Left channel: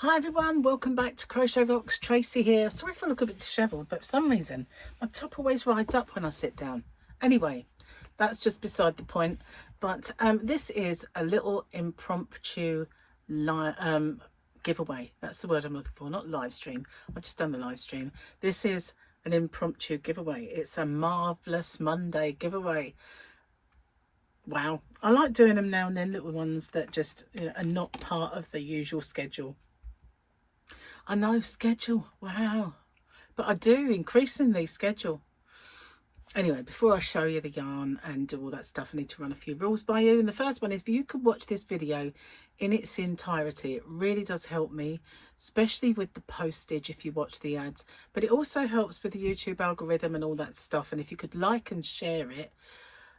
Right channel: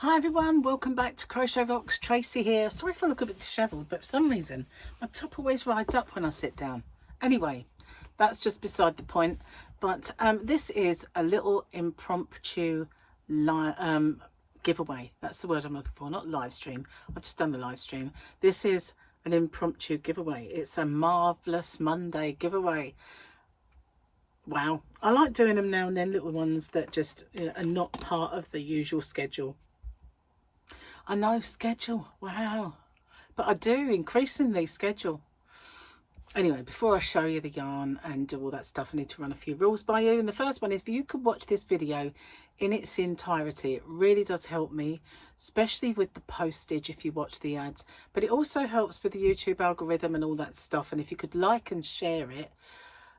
Hi everyone, welcome back to Crochet Rocks. Tracy here. Sorry if I look a bit dishevelled, but for some reason my top always rides up when I sit down. Anyway, that's just beside the point. But this is a little impromptu giveaway. That's the word I'm looking for, not live stream. I've just done the live stream. This is an impromptu giveaway. It's a marvellous Monday giveaway. Wow, I like doing them now and then, little ones that just are not part of the usual schedule. I know, schedule, wow, but I do increasingly schedule. Anyway, before I show you the yarn and do all that stuff, I need to run a few rules by you. And the first one is, if you could watch this video in its entirety, it really does help me, especially with the postage if you watch the ads, but it also helps with the YouTube algorithm and all that stuff. And if you could like and share it,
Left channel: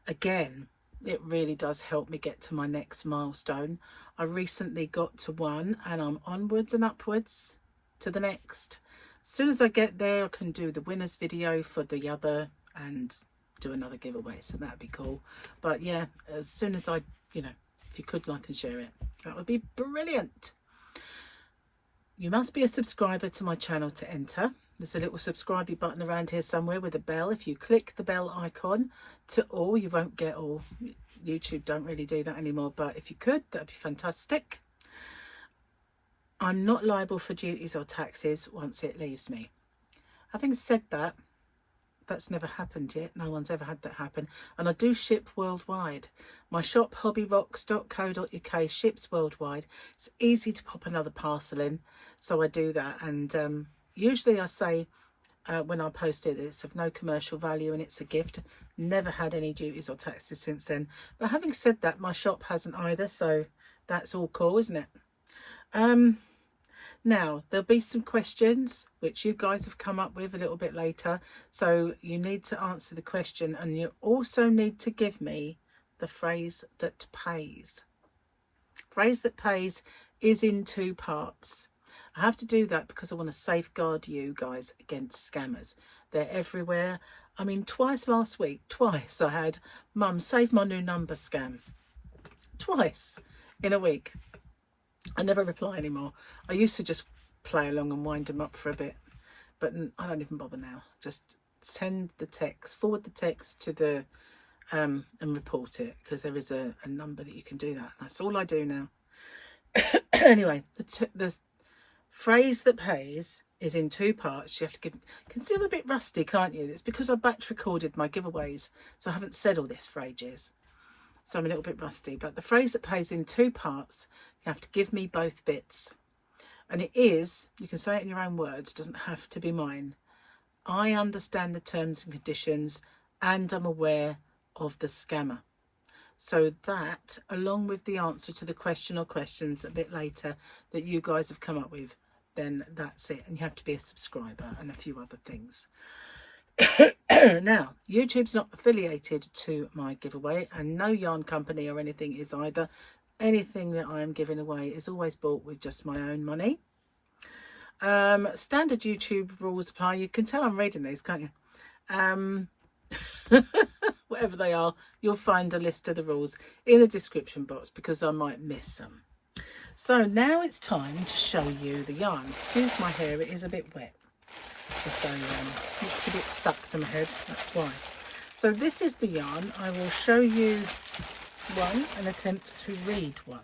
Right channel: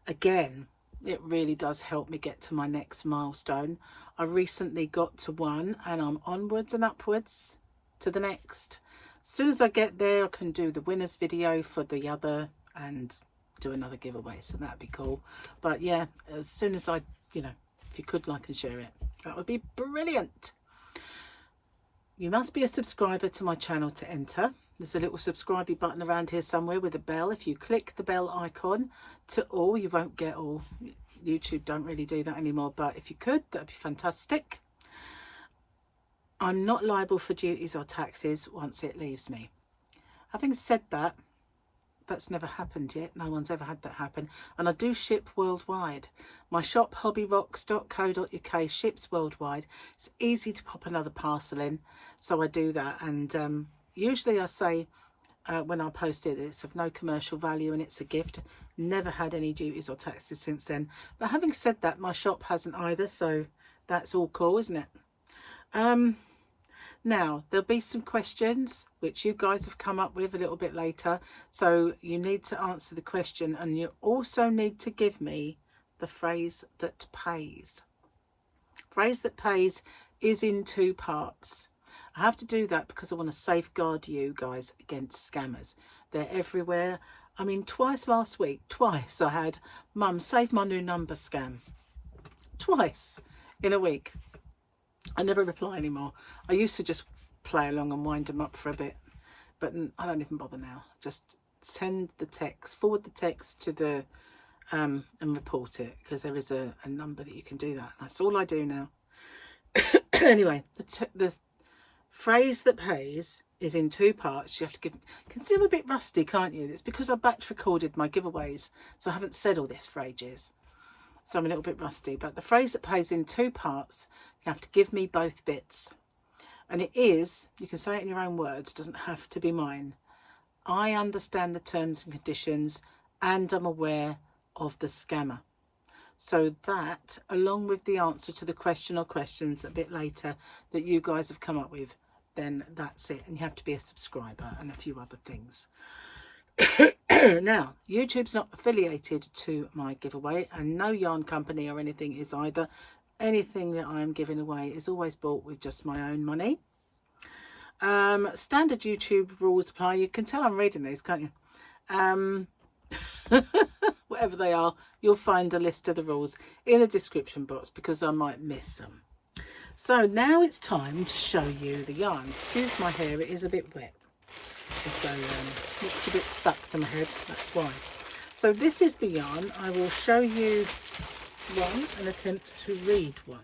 again, it really does help me get to my next milestone. I recently got to one and I'm onwards and upwards to the next. As soon as I get there, I can do the winners video for the other and do another giveaway, so that'd be cool. But yeah, as soon as I, if you could like and share it, that would be brilliant. You must be a subscriber to my channel to enter. There's a little subscribe button around here somewhere with a bell. If you click the bell icon to all, you won't get all. YouTube don't really do that anymore, but if you could, that'd be fantastic. I'm not liable for duties or taxes once it leaves me. Having said that, that's never happened yet. No one's ever had that happen. And I do ship worldwide. My shop, hobbyrocks.co.uk, ships worldwide. It's easy to pop another parcel in, so I do that. And usually I say when I post it, it's of no commercial value and it's a gift. Never had any duties or taxes since then. But having said that, my shop hasn't either, so that's all cool, isn't it? Now, there'll be some questions which you guys have come up with a little bit later. So you need to answer the question, and you also need to give me the phrase that pays. Phrase that pays is in two parts. I have to do that because I want to safeguard you guys against scammers. They're everywhere. I mean, twice last week, twice I had Mum save my new number scam. Twice in a week. I never reply anymore. I used to just play along and wind them up for a bit, but I don't even bother now. Just send the text, forward the text to the and report it, because there is a number that you can do that. That's all I do now. Anyway, the phrase that pays is in two parts. You have to give. You can see I'm a bit rusty, can't you? It's because I batch recorded my giveaways, so I haven't said all this for ages. So I'm a little bit rusty, but the phrase that pays in two parts, you have to give me both bits. And it is, you can say it in your own words, doesn't have to be mine. I understand the terms and conditions and I'm aware of the scammer. So that, along with the answer to the question or questions a bit later that you guys have come up with, then that's it. And you have to be a subscriber and a few other things. Now, YouTube's not affiliated to my giveaway, and no yarn company or anything is either. Anything that I am giving away is always bought with just my own money. Standard YouTube rules apply. You can tell I'm reading these, can't you? Whatever they are, you'll find a list of the rules in the description box, because I might miss some. So now it's time to show you the yarn. Excuse my hair, it is a bit wet. So it's a bit stuck to my head, that's why. So this is the yarn. I will show you one and attempt to read one.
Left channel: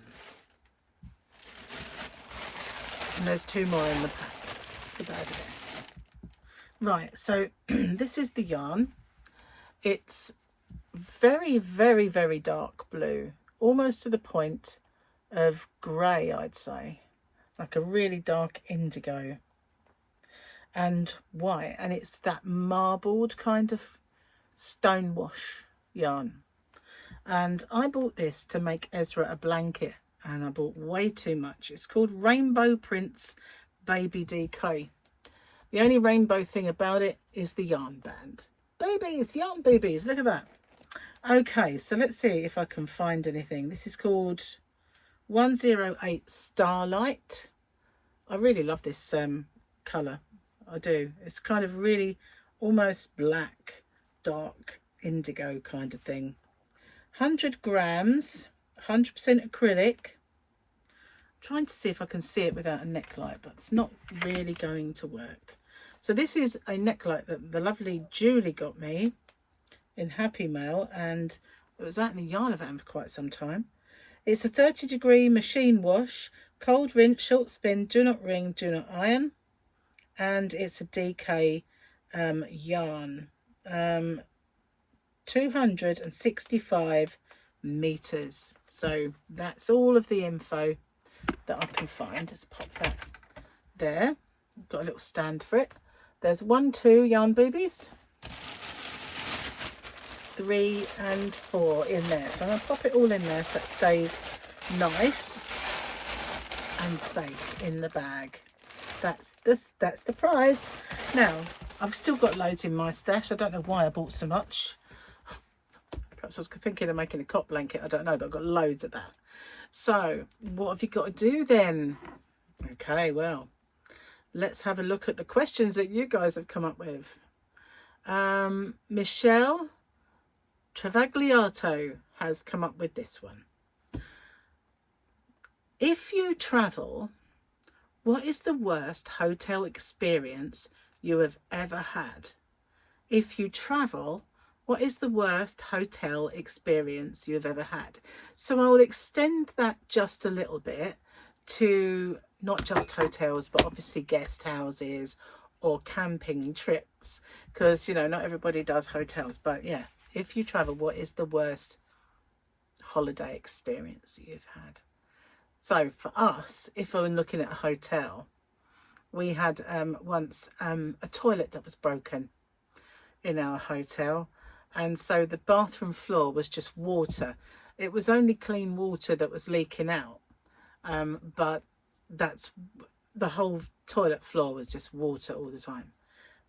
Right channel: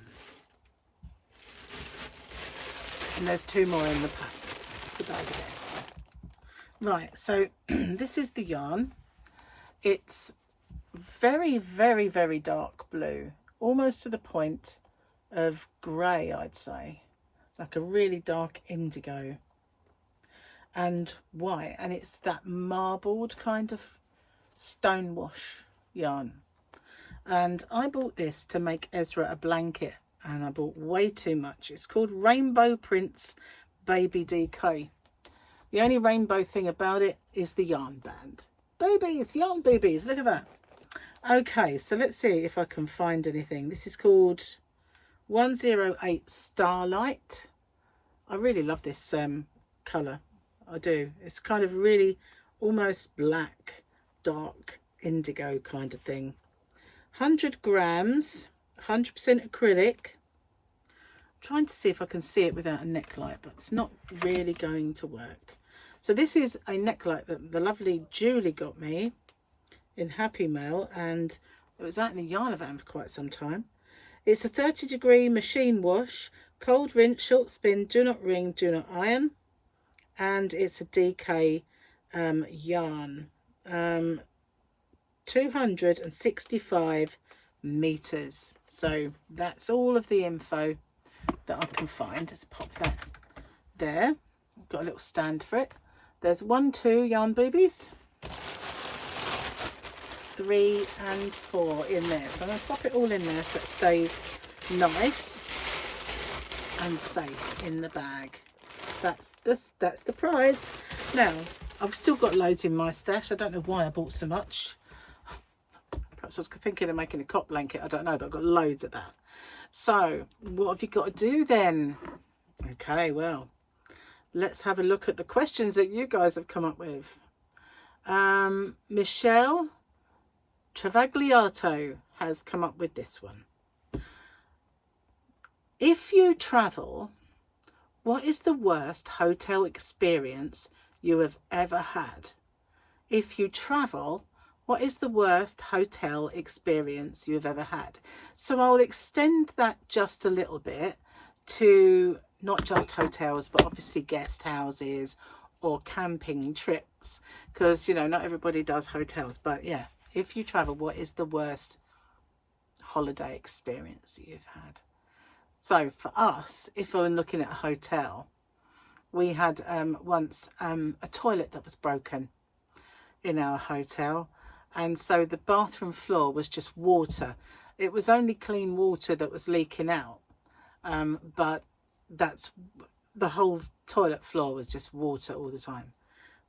And there's two more in the pack. Right, so this is the yarn. It's very, very, very dark blue, almost to the point of grey, I'd say. Like a really dark indigo. And white, and it's that marbled kind of stonewash yarn. And I bought this to make Ezra a blanket, and I bought way too much. It's called Rainbow Prince Baby DK. The only rainbow thing about it is the yarn band. Boobies, yarn boobies, look at that. Okay, so let's see if I can find anything. This is called 108 Starlight. I really love this colour. I do. It's kind of really almost black, dark indigo kind of thing. 100 grams, 100% acrylic. trying to see if I can see it without a neck light, but it's not really going to work. So this is a neck light that the lovely Julie got me in Happy Mail, and it was out in the Yarn van for quite some time. It's a 30-degree machine wash, cold rinse, short spin, do not wring, do not iron, and it's a DK yarn. 265 meters. So that's all of the info that I can find. Just pop that there. Got a little stand for it. There's 1, 2 yarn boobies, 3 and 4 in there. So I'm going to pop it all in there so it stays nice and safe in the bag. That's the prize. Now I've still got loads in my stash. I don't know why I bought so much. Perhaps I was thinking of making a cot blanket. I don't know, but I've got loads of that. So what have you got to do then? Okay, well, let's have a look at the questions that you guys have come up with. Michelle Travagliato has come up with this one. If you travel, what is the worst hotel experience you have ever had? If you travel, what is the worst hotel experience you have ever had? So I'll extend that just a little bit to not just hotels, but obviously guest houses or camping trips, because, you know, not everybody does hotels. But yeah, if you travel, what is the worst holiday experience you've had? So for us, if I'm looking at a hotel, we had once a toilet that was broken in our hotel, and so the bathroom floor was just water. It was only clean water that was leaking out, but that's the whole toilet floor was just water all the time.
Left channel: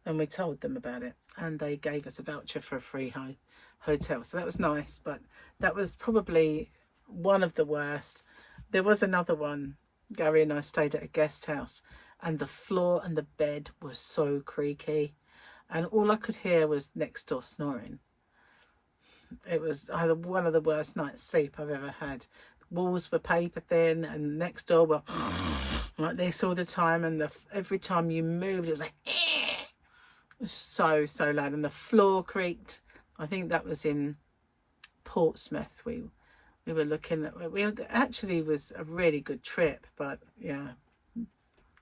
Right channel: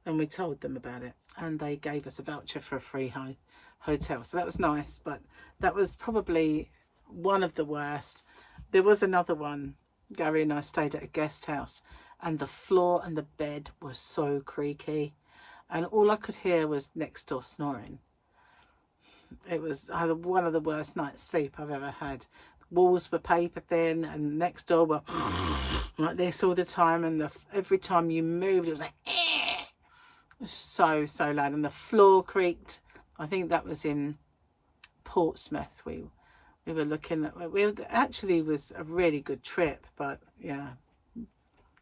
And we told them about it, and they gave us a voucher for a free hotel, so that was nice. But that was probably one of the worst. There was another one. Gary and I stayed at a guest house, and the floor and the bed were so creaky, and all I could hear was next door snoring. It was either one of the worst night's sleep I've ever had. The walls were paper thin, and next door were like this all the time, and every time you moved it was like it was so loud, and the floor creaked. I think that was in Portsmouth. We were looking at, actually was a really good trip, but yeah,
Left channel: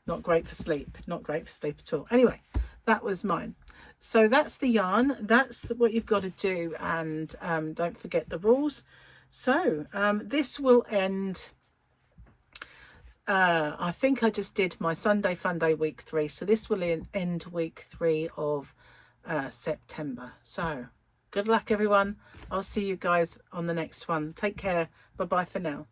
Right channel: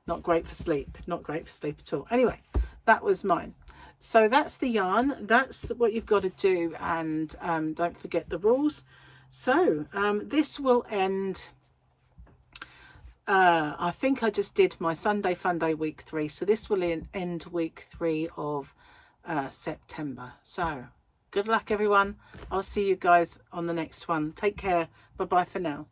not great for sleep. Not great for sleep at all. Anyway, that was mine. So that's the yarn. That's what you've got to do, and don't forget the rules. So this will end, I think I just did my Sunday Fun Day week 3, so this will end week 3 of September. So good luck everyone. I'll see you guys on the next one. Take care. Bye bye for now.